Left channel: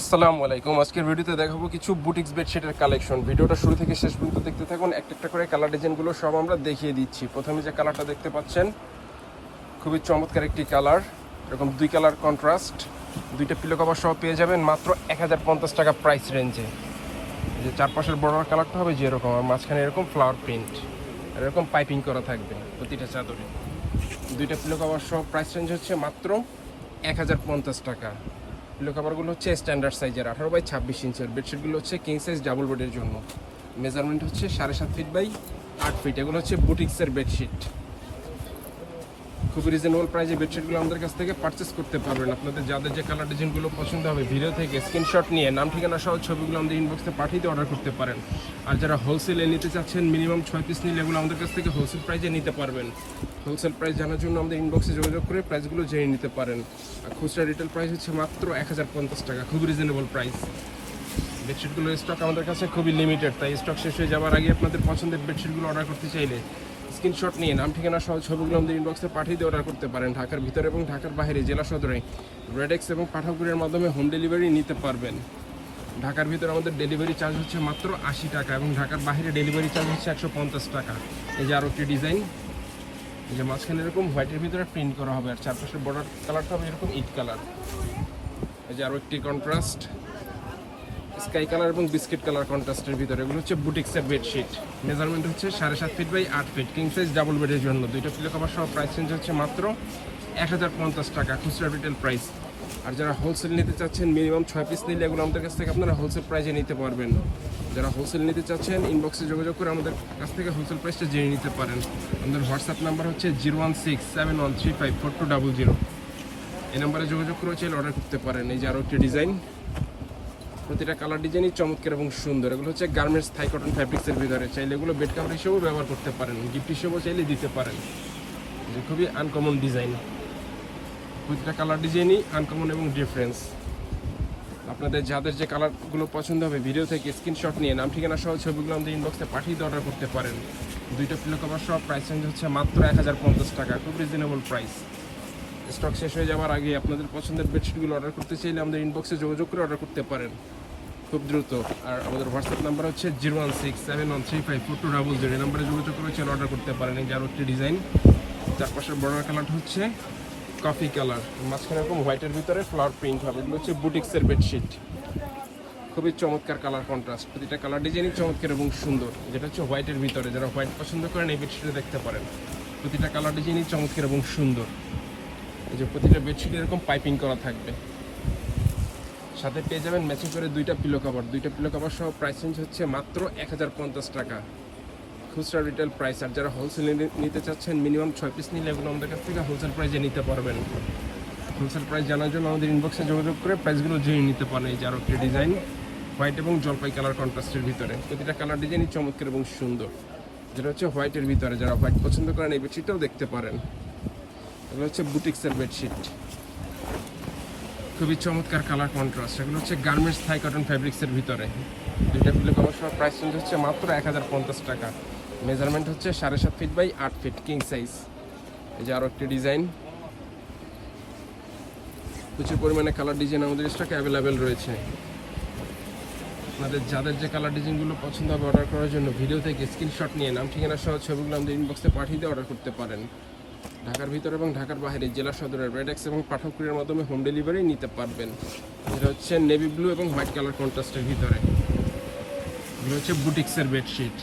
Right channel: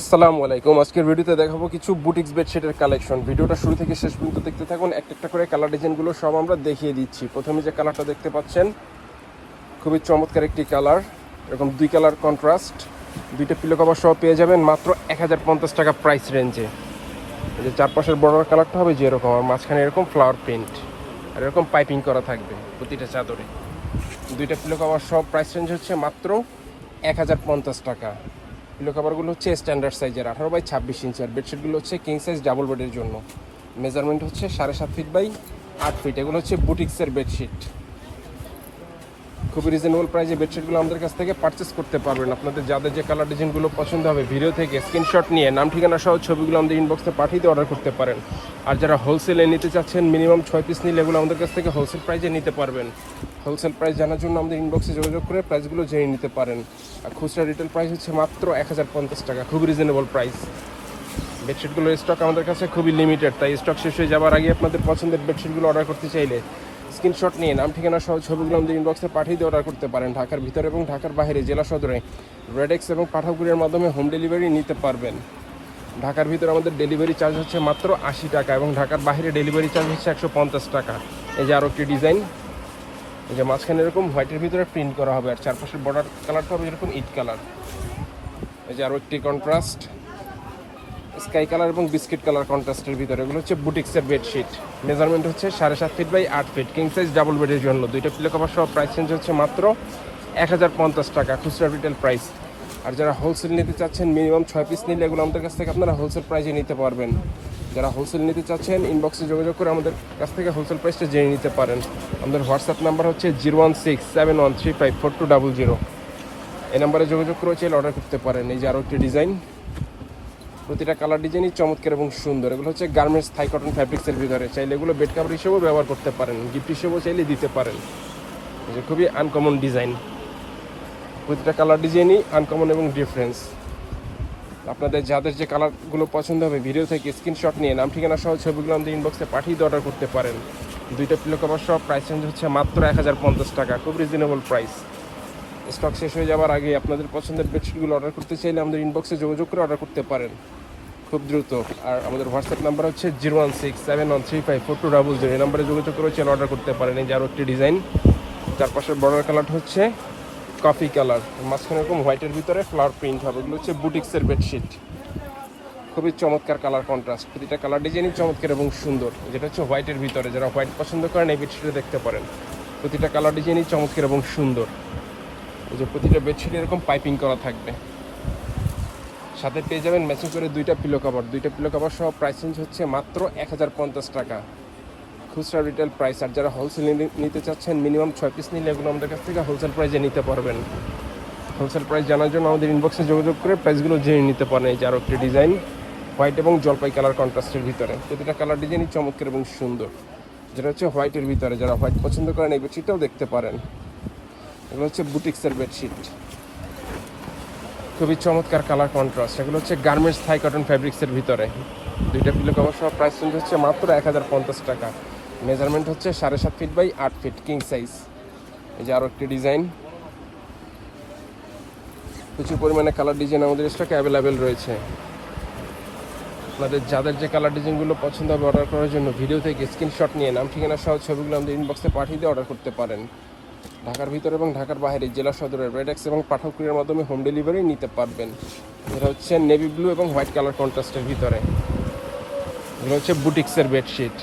আসসালামু আলাইকুম। আজকের ভিডিওতে দেখাবো কিছু বুটিক্স বেডশিটের কালেকশন। ভিডিওটা শুরু থেকে শেষ পর্যন্ত দেখতে থাকুন। একটা একটা করে কালার ডিজাইনগুলো সব আমরা দেখিয়ে দিচ্ছি। প্রথমে যে কালারটা দেখতে পাচ্ছেন, খুবই চমৎকার একটি কালার। এরকম দুই কালার কন্ট্রাস্ট দুইটা পিলো কভার সহ পেয়ে যাবেন মাত্র এক হাজার পঞ্চাশ টাকা প্রাইস রেঞ্জে যে চারপাশের বড় কালারটা হবে যেরকম আর মাঝখানে এরকম ফ্লাওয়ার প্রিন্ট আর এরকম পাইপিং করা থাকবে প্রতিটা চাদরে। দুইটা পিলো কভার সব প্রাইস রেঞ্জ হচ্ছে মাত্র এক হাজার পঞ্চাশ টাকা। পিলো কভারগুলো হচ্ছে স্ট্যান্ডার্ড সাইজের আঠারো বাই ছাব্বিশ ইঞ্চি আর বেডশিটগুলো হচ্ছে কিং সাইজ ডাবল বেডের জন্য। মেজারমেন্ট হচ্ছে সাড়ে সাত ফিট বাই আট ফিট এগুলো হচ্ছে বুটিক্সের বেডশিট খুবই রিজনেবল প্রাইসে বেডশিটগুলো আমাদের কাছ থেকে পারচেস করতে পারবেন। আপনাদের যাদের যে কালার ডিজাইনগুলো পছন্দ হবে ভিডিও থেকে স্ক্রিনশট নিয়ে, নাম, ঠিকানা সহ ছবিগুলো আমাদের ইনবক্সে পাঠিয়ে দিয়ে অর্ডার করতে পারেন। আর যারা হোলসেলে নিতে চাচ্ছেন মিনিমাম ছয় পিস নিলে এগুলো আমাদের কাছ থেকে হোলসেল প্রাইসে নিতে পারবেন। হোলসেল প্রাইস জানার জন্য আমাদের ইনবক্সে যোগাযোগ করে প্রাইসগুলো জেনে নিতে পারেন। আর খুচরা রিটেল প্রাইস হচ্ছে মাত্র এক হাজার পঞ্চাশ টাকা, খুবই রিজনেবল প্রাইস বেডশিটগুলোর স্টক আমাদের কাছে খুবই লিমিটেড তাই স্টক শেষ হয়ে যাওয়ার আগে আপনাদের পছন্দের বেডশিটগুলো অর্ডার করতে চাইলে স্ক্রিনশট নিয়ে নাম, ঠিকানা সহ ছবিগুলো আমাদের ইনবক্সে পাঠিয়ে দিয়ে অর্ডার করতে পারেন ঢাকার ভিতরে এবং ঢাকার বাইরে, জেলা সদরে। রেডেক্স এবং পাঠকগুলির মাধ্যমে হোম ডেলিভারি নিতে পারবেন। ঢাকার ভিতরে আমাদের ডেলিভারি চার্জ হচ্ছে মাত্র আশি টাকা এবং ঢাকার বাইরে ডেলিভারি চার্জ হচ্ছে একশো পঞ্চাশ টাকা। এই যে আরও একটি ডিজাইন যে মাঝখানে এরকম হোয়াইটের ভিতরে প্রিন্ট করা হবে আর চারপাশের বর্ডার কালারটা হবে এরকম ইট কালার এই যে আরও একটি কন্ট্রাস্ট স্কাই কালার এবং বিস্কিট কালার কন্ট্রাস্টের ভিতরে। এগুলো হচ্ছে বুটিক্সের বেডশিট। মেজারমেন্ট হচ্ছে সাড়ে সাত ফিট বাই আট ফিট কিং সাইজ ডাবল বেডের জন্য। দুইটা পিলো কভার সহ প্রাইস চেঞ্জ হচ্ছে মাত্র এক হাজার পঞ্চাশ টাকা, খুচরা রিটেল প্রাইস আর যারা হোলসেল নিতে চাচ্ছেন মিনিমাম ছয় পিস নিলে এগুলো আমাদের কাছ থেকে আপনারা হোলসেল প্রাইসে নিতে পারবেন। যারা হোলসেল নিতে চাচ্ছেন ইনবক্সে যোগাযোগ করে আমাদের কাছ থেকে হোলসেল প্রাইসটা জেনে নিতে পারেন। আমাদের হোয়াটসঅ্যাপ নাম্বার হচ্ছে zero one six seven one three five four two double zero এই নাম্বারে যোগাযোগ করে চাইলে অর্ডার করতে পারেন। এই যে আরও একটি ডিজাইন প্রতিটা কালার ডিজাইনই চমৎকার এবং সুন্দর। এগুলো হচ্ছে গার্মেন্টস থাই কটন ফ্যাব্রিক্সের ভিতরে। চাইলে এগুলো বেড কাভার হিসেবেও ব্যবহার করতে পারেন গিফট হিসেবেও চাইলে দিতে পারেন। যে খুবই আনকমন ডিজাইন প্রতিটা কালার ডিজাইনই আনকমন এবং ডিফারেন্স আপনাদের যাদের যে কালারগুলো পছন্দ হবে ভিডিও থেকে স্ক্রিনশট নিয়ে নাম, ঠিকানা সহ ছবিগুলো আমাদের ইনবক্সে পাঠিয়ে অর্ডার করতে পারেন। দুইটা পিলো কভার সহ প্রাইস চেঞ্জ হচ্ছে মাত্র এক হাজার পঞ্চাশ টাকা খুব রিজনেবল প্রাইস স্টক শেষ হয়ে যাওয়ার আগে আপনাদের পছন্দের বেডশিটগুলো অর্ডার করতে চাইলে আমাদের ইনবক্সে যোগাযোগ করে অর্ডার করতে পারেন। খুব দ্রুত। আর আমাদের হোয়াটসঅ্যাপ নাম্বার হচ্ছে zero one six seven one three five four two double zero এই নাম্বারে যোগাযোগ করে চাইলে অর্ডার করতে পারেন। এই যে আরও একটি ডিজাইন চারপাশের বর্ডার কালারটা হচ্ছে কফি কালার মাঝখানে এরকম হোয়াইটের ভিতরে ফ্লাওয়ার প্রিন্ট হবে। এগুলো হচ্ছে বুটিক্সের বেডশিট খুবই চমৎকার কালার কন্ট্রাস্ট প্রতিটা কালার ডিজাইনই চমৎকার এবং সুন্দর। যেটা হচ্ছে হোয়াইটের ভিতরে। যারা হোয়াইট পছন্দ করেন, এই বেডশিটে দেখতে পারেন। প্রতিটা কালার ডিজাইনই চমৎকার এবং সুন্দর। এই যে প্রতিটা বেডশিটে এরকম পাইপিং করা থাকবে। সাথে পেয়ে যাবেন ম্যাচিং করে দুইটা পিলো কভার দুইটা পিলো কভার সহ প্রাইস রেঞ্জ হচ্ছে মাত্র এক হাজার পঞ্চাশ টাকা। খুচরা রিটেল প্রাইস আর যারা হোলসেল নিতে চাচ্ছেন মিনিমাম ছয় পিস নিলে এগুলো আমাদের কাছ থেকে হোলসেল প্রাইসে নিতে পারবেন। হোলসেল প্রাইস জানার জন্য আমাদের ইনবক্সে যোগাযোগ করে প্রাইসগুলো জেনে নিতে পারেন এই যে আরও একটি ডিজাইন হোয়াইট এবং জলপাই কালার কন্ট্রাস্টের ভিতরে। প্রতিটা কালার ডিজাইনই চমৎকার এবং সুন্দর। যেটা হচ্ছে হোয়াইটের ভিতরে, যারা হোয়াইট পছন্দ করেন এই বেডশিটটাও দেখতে পারেন। এগুলো হচ্ছে বুটিক্সের বেডশিট খুবই চমৎকার কালার কন্ট্রাস্ট এগুলো হচ্ছে গার্মেন্টস থাই কটন ফ্যাব্রিক্সের ভিতরে। দুইটা পিলো কভার প্রাইস রেঞ্জ হচ্ছে মাত্র এক হাজার পঞ্চাশ টাকা। মেজারমেন্ট হচ্ছে সাড়ে সাত ফিট বাই আট ফিট কিং সাইজ এই যে আরও একটি ডিজাইন প্রচুর পরিমাণে কালার ডিজাইন আমাদের স্টকে অ্যাভেলেবেল রয়েছে। আপনাদের যাদের যে কালার ডিজাইনগুলো পছন্দ হবে অর্ডার করার জন্য ভিডিও থেকে স্ক্রিনশট নিয়ে নাম, ঠিকানা সহ ছবিগুলো আমাদের ইনবক্সে পাঠিয়ে দিয়ে অর্ডার করতে পারেন। ঢাকার ভিতরে এবং ঢাকার বাইরে জেলা সদরের রেডেক্স এবং পাঠকপ্রিয়ার মাধ্যমে হোম ডেলিভারি নিতে পারবেন। এটা হচ্ছে নেভি ব্লু এবং হোয়াইট কালার কন্ট্রাস্টের ভিতরে। এটা হচ্ছে বুটিক্সের বেডশিট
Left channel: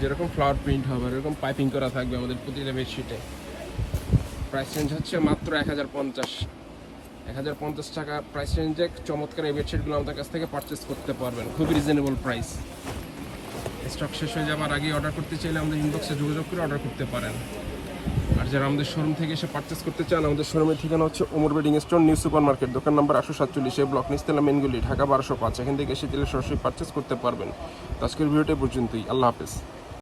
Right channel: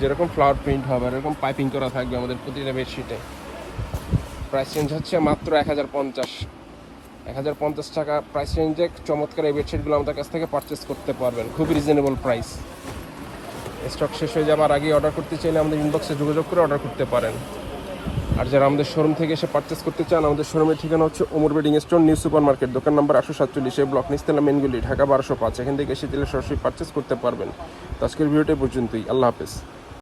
যেরকম ফ্লাওয়ার প্রিন্ট হবে, এরকম পাইপিং করা থাকবে আমাদের প্রতিটা বেডশিটে প্রাইস রেঞ্জ হচ্ছে মাত্র এক হাজার পঞ্চাশ। এক হাজার পঞ্চাশ টাকা প্রাইস রেঞ্জে চমৎকার এই বেডশিটগুলো আমাদের কাছ থেকে পারচেস করতে পারবেন। খুবই রিজনেবল প্রাইস স্টক শেষ হয়ে যাবার আগে অর্ডার করতে চাইলে আমাদের ইনবক্সে যোগাযোগ করে অর্ডার করতে পারেন। আর যারা আমাদের শোরুম থেকে এসে পারচেস করতে চান, আমাদের শোরুমের ঠিকানা হচ্ছে Omar bedding store new super market দোকান নাম্বার আটশো সাতচল্লিশ ব্লক নিস্তেলা মেনগুলি ঢাকা বারোশো পাঁচ। এখান থেকে এসে দিলে সরাসরি পারচেস করতে পারবেন। তো আজকের ভিডিওটা পর্যন্তই। আল্লাহ হাফেজ।